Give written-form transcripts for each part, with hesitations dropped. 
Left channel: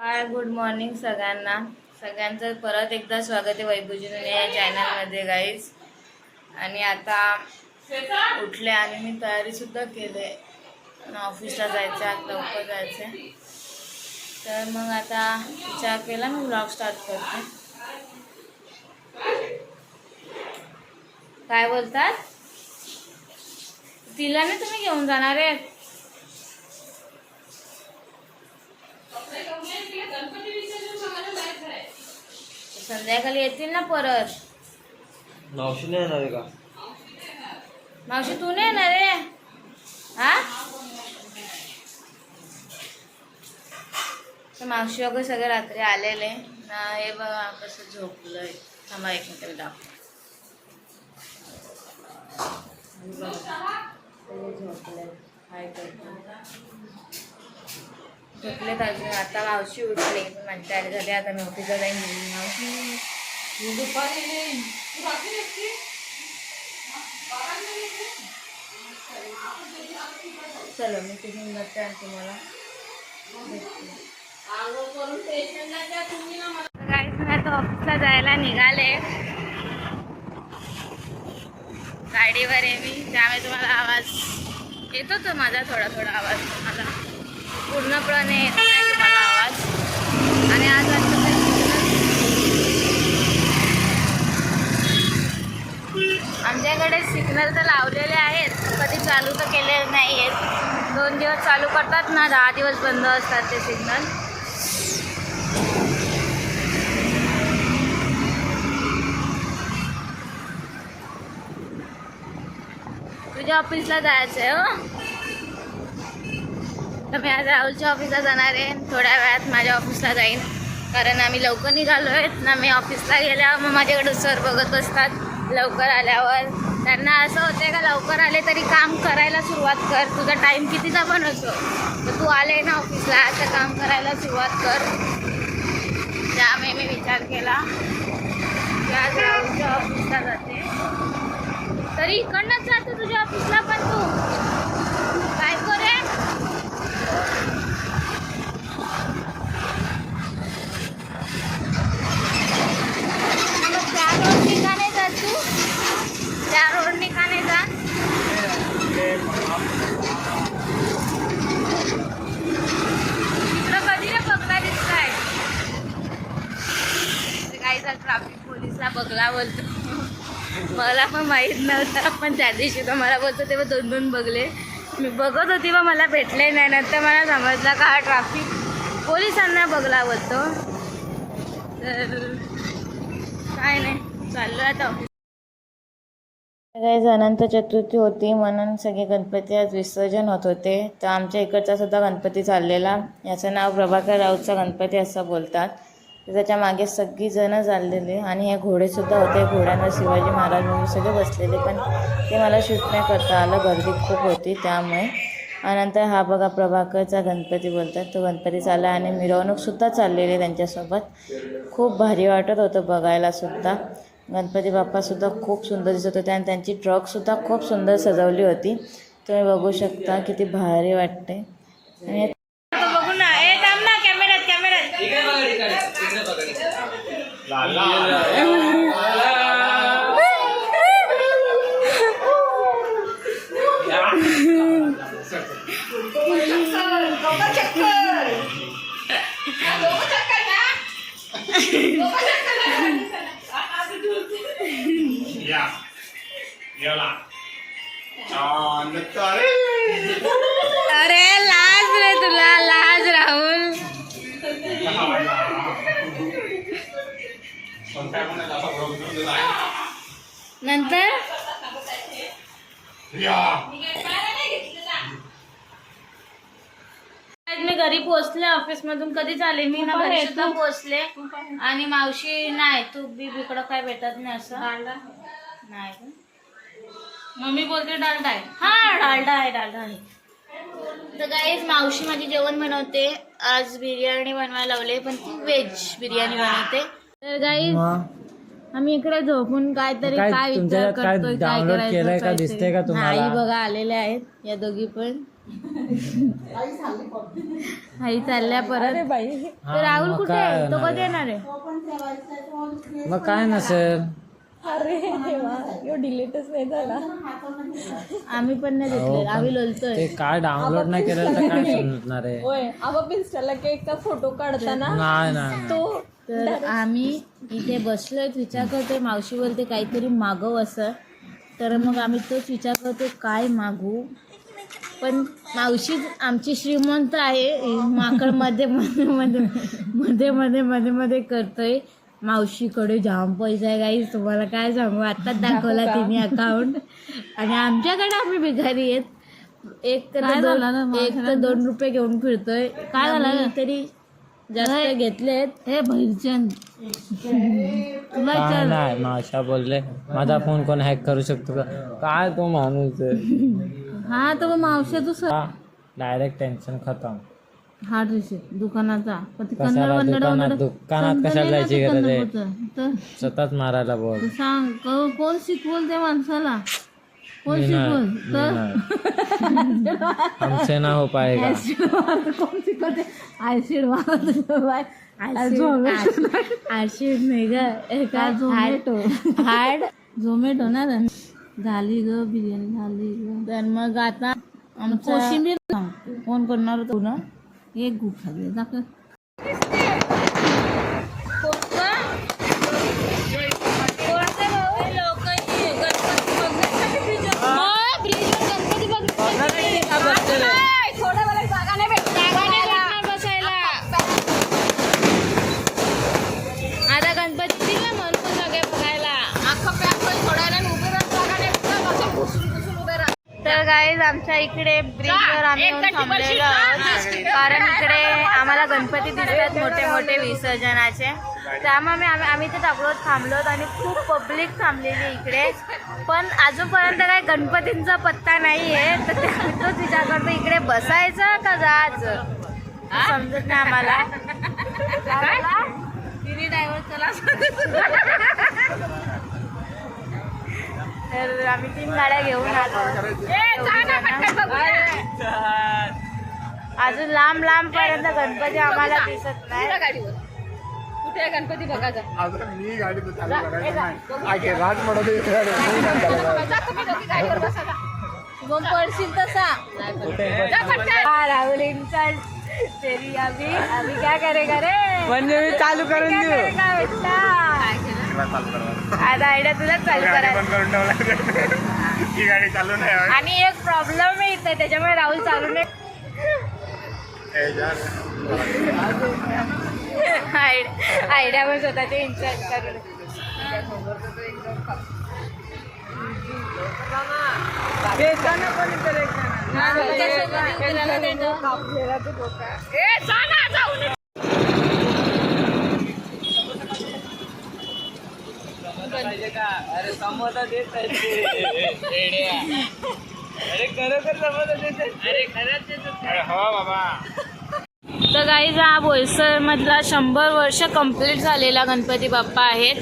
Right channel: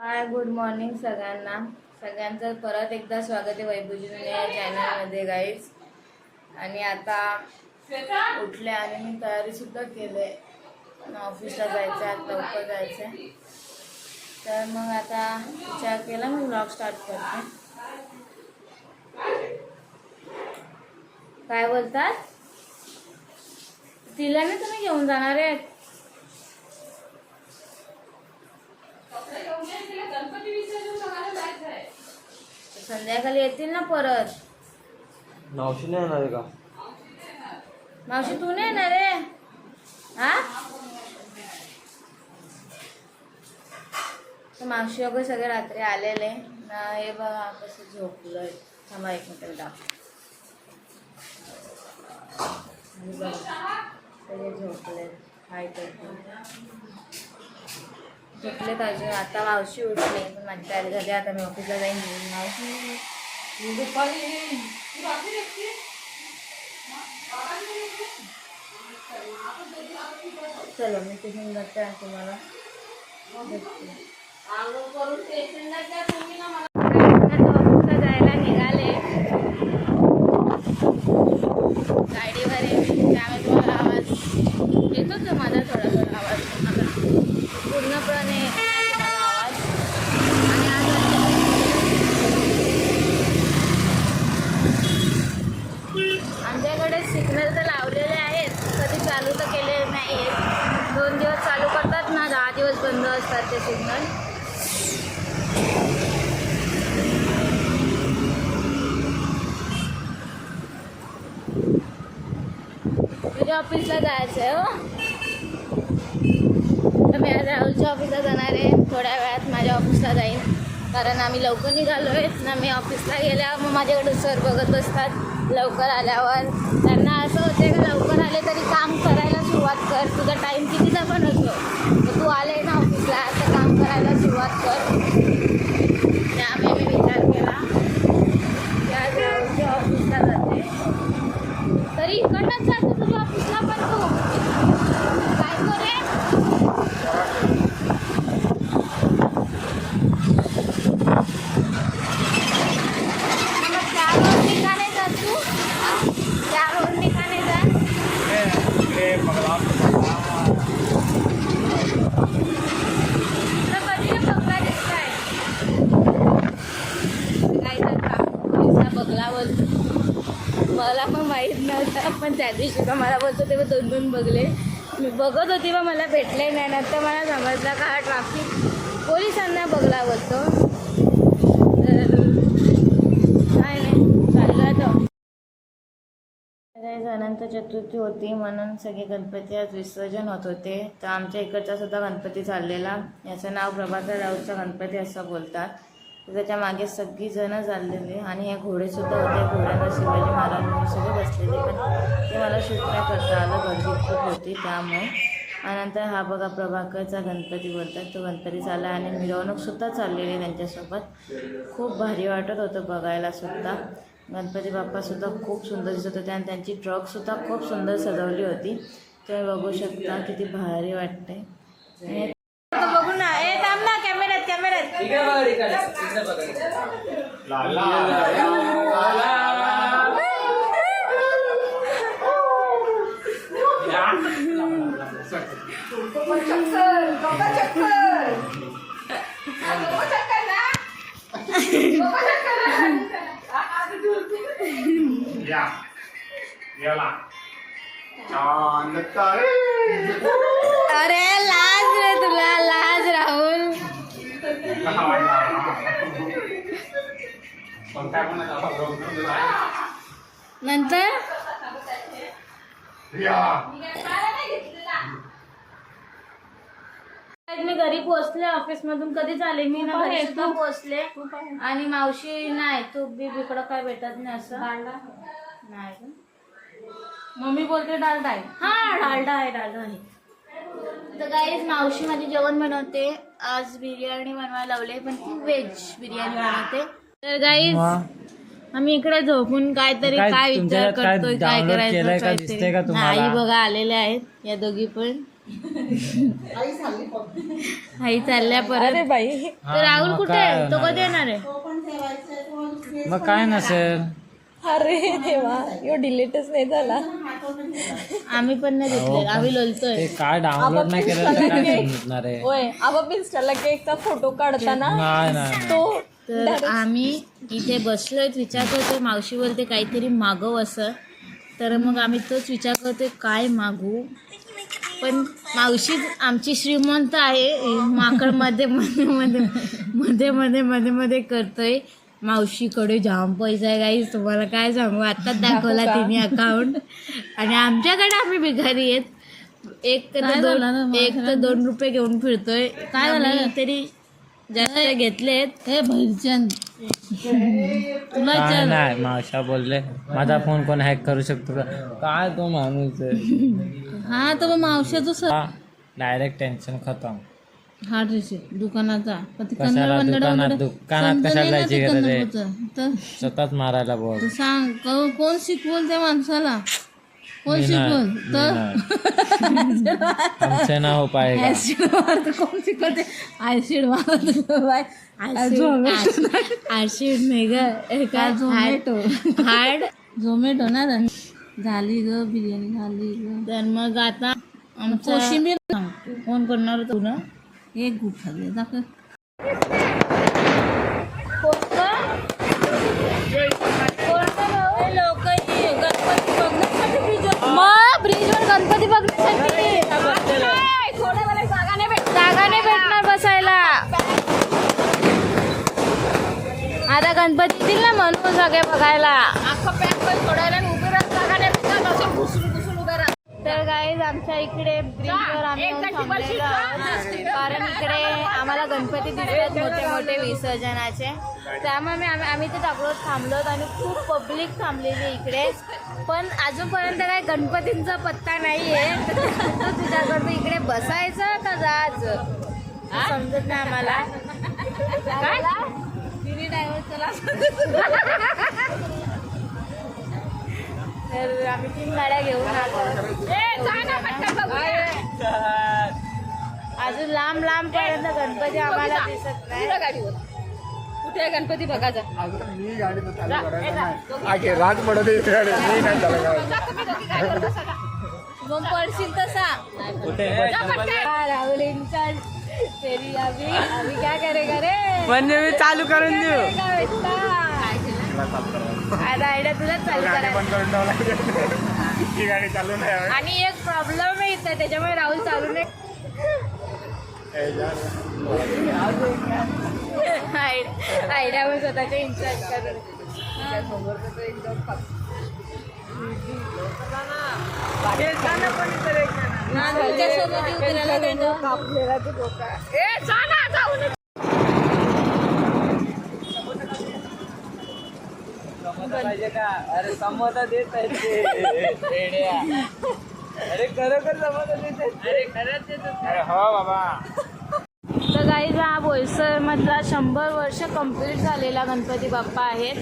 हाय, good morning सगळ्यांचं परत एकदा स्वागत आहे वैभवजी या चॅनलमध्ये गाईज. आणि आता उठले आणि मी तयारीसुद्धा केले, ऑफिसला जायचं आहे, आज लवकर जायचं आहे. तर मग आता विचार केला मी व्लॉग स्टार्ट करते. काय बोलतात? तिला नाही तुम्ही घेऊन जाणार आहे? संध्याकाळी येतील ना परत. मावशी नाही येणार आहे का? मावशी तू नाही येणार रे? हा, तर मावशी वगैरे सगळे रात्री आलेले ना. हे बघा कसं झोपलंय. थांबा एक मिनिट दाखव. झोपले झोपलेत अजून. आता मावशी उठले पण माझी तयारी झाली. आता मी ऑफिसला जाईन. मावशी चलो मी तिथून जाते आणि तुम्हाला आता ऑफिसला जायला निघाले. गाडीवर आहे मी, त्यामुळे तुम्हाला आवाज येतोच माझा. थोडा आवाज आता पूर्णपणे येत नाही तुम्हाला आवाज. आणि आज आमच्याकडे सिग्नल तर लावलेले आहेत, कधी चालू तर केलेले नाही आहेत. 2 दिवस चालू करतात ना, 10 दिवस बंद असतात ते सिग्नल. तुझ्या ऑफिसला जायचं आहे हो? तर मी आज राहुलच्या ऑफिसला जाणार आहे. थोड्या वेळात माझ्या ऑफिसला जाईन, कारण आम्ही लवकर निघालो आहेत ना. मी ऑफिसला गेल्यावर मग माझ्याकडे सर बघत बसतात. लवकर आल्यावर त्यांना असं होते का लवकर आले तरी काम करायला सुरुवात कर, तुझा टाईम कितीचा पण असो, तर तू आले ना ऑफिसला तर काम करायला सुरुवात कर. त्यामुळे मी विचार केला की आज राहुलच्या ऑफिसला जाते. तरी इकडनंच जाते तुझ्या ऑफिसला पण तू काय करे? मग त्या रोडनी का नाही जात तू? त्या रोडनी का नाही जात? तुला कधी रे बघला दिसताय? काही तर ट्रॅफिक पोलीस हा बघला बोलतो. मला पण माहीत नव्हतं, पण त्या दिवशी तर मला बोलतो तेव्हा 2 बघले. मी बघत होती व मला भेटले नाही. नंतर मला समजलं का हा ट्रॅफिक पोलिसांना बघला बोलतो. तर काय नाही, चाललो आता. काही अनंत चतुर्थी होती म्हणून सगळे गणपती आज विसर्जन होत होते. तर आमच्या इकडचा सुद्धा गणपती चाललेला. याचं नाव प्रभाकर राऊतचा गणपती असं बोलतात. तर त्याच्या मागे सगळी जणं चाललेले आणि हे घोडेसुद्धा होते. घोड्यांवर शिवाजी महाराज म्हणून सगळे बसलेले, पण ते मला शूट नाही करता आलं, गर्दी खूप होती त्यामुळे. आणि नंतर हा बघा प्रभाकरचा गणपती बोलतात, तो गणपती चालला आणि मिरवणूकसुद्धा चाललेली त्यांच्यासोबत. खूप भारी वाटत होतं बघायलासुद्धा. गणपती बाप्पासुद्धा खूप सुंदर दिसत होते आणि त्यांची ट्रकसुद्धा खूप सुंदर सजवली होती. तुम्ही बघू शकता किती भारी वाटते. आणि बघू ना, ए थांब ना, कॅमेऱ्यात अरे लाज रे तुला, लाज राहुल. नंतर मी घरी पोहोचले ऑफिसमधून. कधीच आले मी ना, घरी सुद्धा पोहोचले. आणि मावशी नाही, तू इकडं काय भेटत नाही असं नाही. मम्मी बोलते डालडा आहे. हा, डालडा आहे. तर गाईज मावशी माझी जेवण बनवते. आज बिर्याणी बनवायला लावले, पण ती व्हेज बिर्याणी बनवते. तर गाईज आम्ही इकडे झोपून काहीतरी काय विचार करतोय, काय करायचं. बघा आलेले आहेत या दोघी पण. आई चालल्या परत. बाई तर राहुल कुठे आहे? तो कधी येणार आहे? मग काय नसेल. अरे देवा यो डिलीटच नाही झाला. आम्ही पण नाही घेतले, आम्ही लोलतोय. ते काय डाउनलोड नाही केलं तर काय समजणार आहे. होय आपण इंस्टाला केकचा फोटो काढताना नाही नाही तो तर आम्ही इथे बसलोय, विचार करतोय मावशी बोलते काहीतरी मागव असं. तर मग आम्ही तोच विचार करतोय काय मागू. पण मावशी आमची श्रीमंत आहे, माकड मध्ये मध्ये मध्ये मध्ये मध्ये मध्ये मध्ये करतोय. मावशीकडे जाम पैसा आहे गाईस, तुम्हाला काय सांगू. आत्ताच दाखवला तिने अकाउंट. आणि आमच्याकडे आम्ही भिकारी आहेत. एक तर 2 रुपये घेऊन फिरतोय. काय झालं तरी जास्त घेतलेत. हे भैरचंद तुला काय नाही. मावशा बोलले माझा फोन कोण हॅक करू शकतो का. काय तो माणूस हा तर मग मावशी तू डायरेक्ट टेन्शन खतम. हा रिसिप्ट दुकानाचा. कशाला दुकानात कशाला जायची गरज आहे. तर स्वतःच मारायला बोल. सांग कोण शिकवल त्या माणसाला, कोण शिकवल. तर हमसे ना हो पाएगा. कोण शिकवते? ऍसिड मारत ऍसिड नाही ग, काय झोमॅटो. हार्ड झोमॅटो ना. झाली ग बिर्याणी झाली ग. तर मग आता कोशिंबीर कोण करणार तू ना. एक गुप खाली दाखव. मग ब्रिजवर गणपती बघण्यासाठी जागा नाही भेटणार बसायला. आता गणपती येतील ना म्हणून सगळे बघायला. अख्खं पॅक सोडायला उभे राहत जागा नाही भेटणार, असं घुसून उभे राहत. तर गाईज आमच्या इकडे ब्रिजवर आम्ही येऊन थांबलेलो आहोत, कारण इकडे आम्हाला गणपती दिसतात मोठे मोठे विसर्जनाचे. त्यामुळे आम्ही ते दगडोत थांबलोत आणि खूप पब्लिक थांबलेली इकडे. पण अजूनपर्यंत काही गणपतींचा पत्ता नाही आहे. तर तोच विचार करतो इकडे बसायचं का जायचं समजत नाही आम्हाला. तर आम्ही 3 गाड्या घेऊन आलो. अजून लांब लांब पर्यंत गणपती आम्हाला दिसत नाही. कुठे गणपती बघायचा. पडशील तसा राहुल इंसान तेरी अभी क्या करेगा रे. म्हणजे मी चालू करून देऊ. आता आयडिया तुलाच चालू करायला. आणि एक प्रॉब्लेम आहे इथे, त्याच्यामुळे राहुल चालू नाही. आयडिया पण स्वतःचे इन्चार्ज करून. अरे समोसा देत अरे खरोखर समोसा देत. अरे खरंच देत. अरे हो बाबा. तर गाईज हा बोईसर मधला 100 वर्ष कंप्लीट झालेला गणपती बाप्पा आहेत.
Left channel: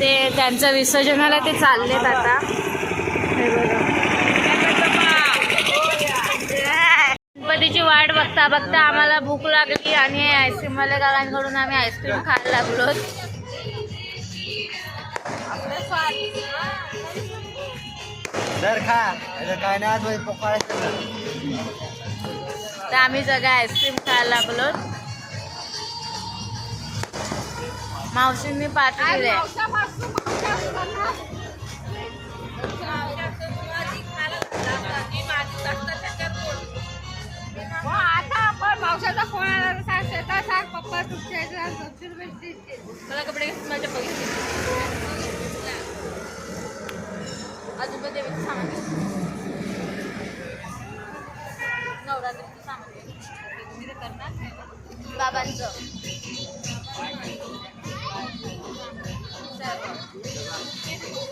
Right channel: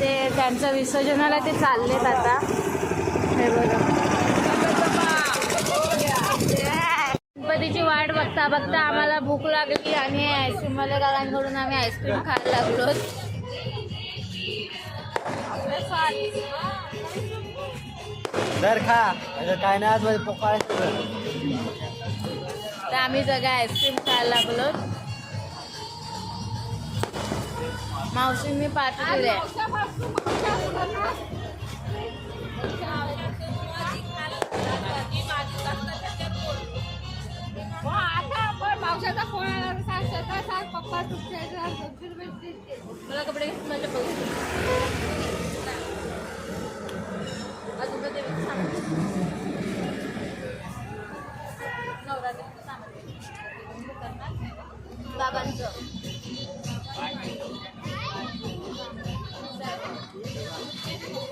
ते त्यांचं विसर्जनाला ते चाललेत आता. हे बघा गणपतीची वाट बघता बघता आम्हाला भूक लागली आणि आईस्क्रीमवाल्या काकांकडून आम्ही आईस्क्रीम खायला लागलो. तर आम्ही सगळे आईस्क्रीम खायला लागलो. मावशींनी पार्टी दिली. पावसाचा फोन आला पप्पा मला कपडे माझ्या अजून नवरात्रीचं सामान बाबांचं.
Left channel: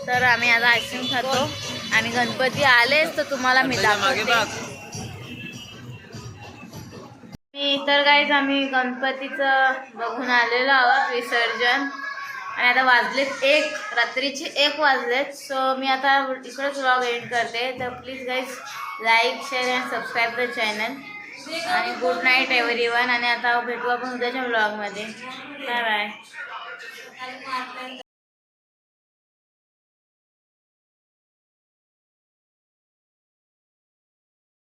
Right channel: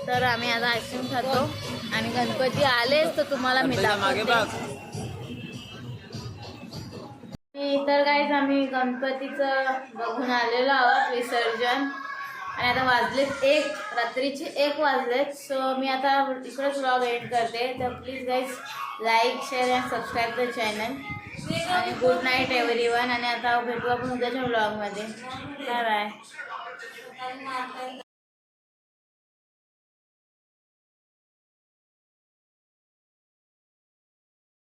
तर आम्ही आता आईस्क्रीम खातो आणि गणपती आलेच तर तुम्हाला मी दाखवते. तर गाईज आम्ही गणपतीचं बघून आलेलो आहोत विसर्जन. आणि आता वाजलेत 1, रात्रीचे 1 वाजलेत. सो मी आता इकडेच व्लॉग एंड करते. तर please guys like share and subscribe the channel. आणि गुड नाईट एव्हरीवन. आणि आता भेटू आपण उद्याच्या व्लॉगमध्ये. Bye bye.